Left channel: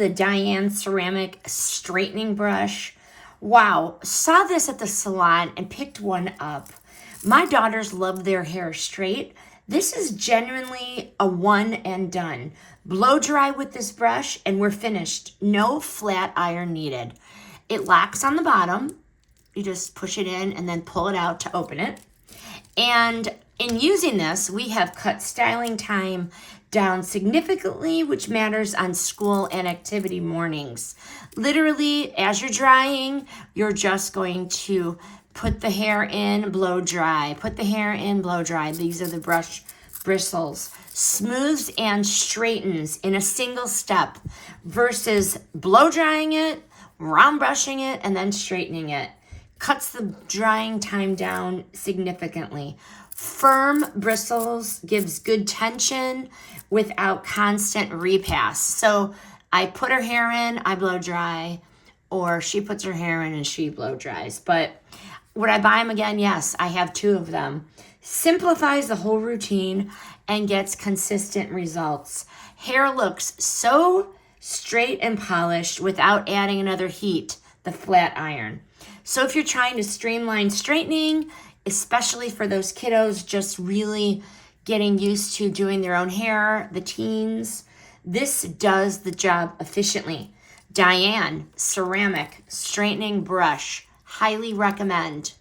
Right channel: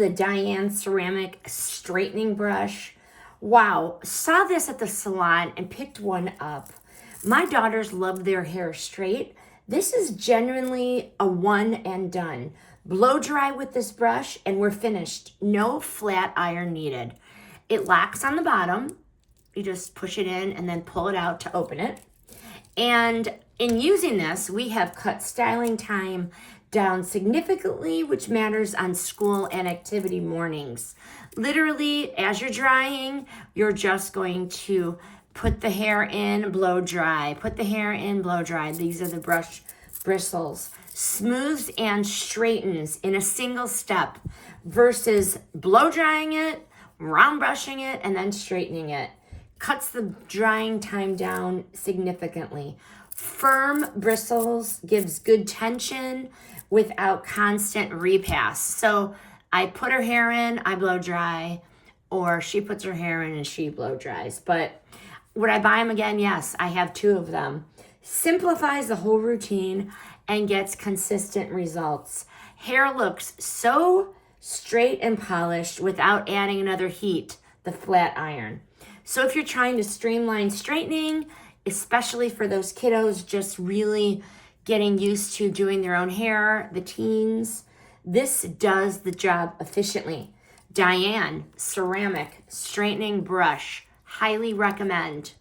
the Diane ceramic straightening brush. Wow, saw this at the salon and picked one up. My daughters love their hair straight. This is genuinely a one and done. Blow dry with this brush and we're finished. No flat iron needed. It locks on the bottom. You just push it in and then pull it out to open it. And in using this, we have cut styling time down significantly, which matters on school and activity mornings. Literally, as you're drying, you're just going to put the hair in, blow dry. Put the hair in, blow dry. These are the brush bristles. Smooths and straightens in a single step versus blow drying it, round brushing it, and then straightening it. Cuts the drying time down significantly. Firm bristles gives good tension without constant repass. So I put her hair in, I blow dry, or she puts her hair in and she blow dries. But would I buy them again? Yes, I have 2 of them. Simplifies the whole routine and gets consistent results. Hair looks so straight and polished without adding another heat, the flat iron. So if you're trying to streamline straightening, especially for those kiddos just really getting used to doing their own hair, the teens, this does the job efficiently. Diane ceramic straightening brush, highly recommend.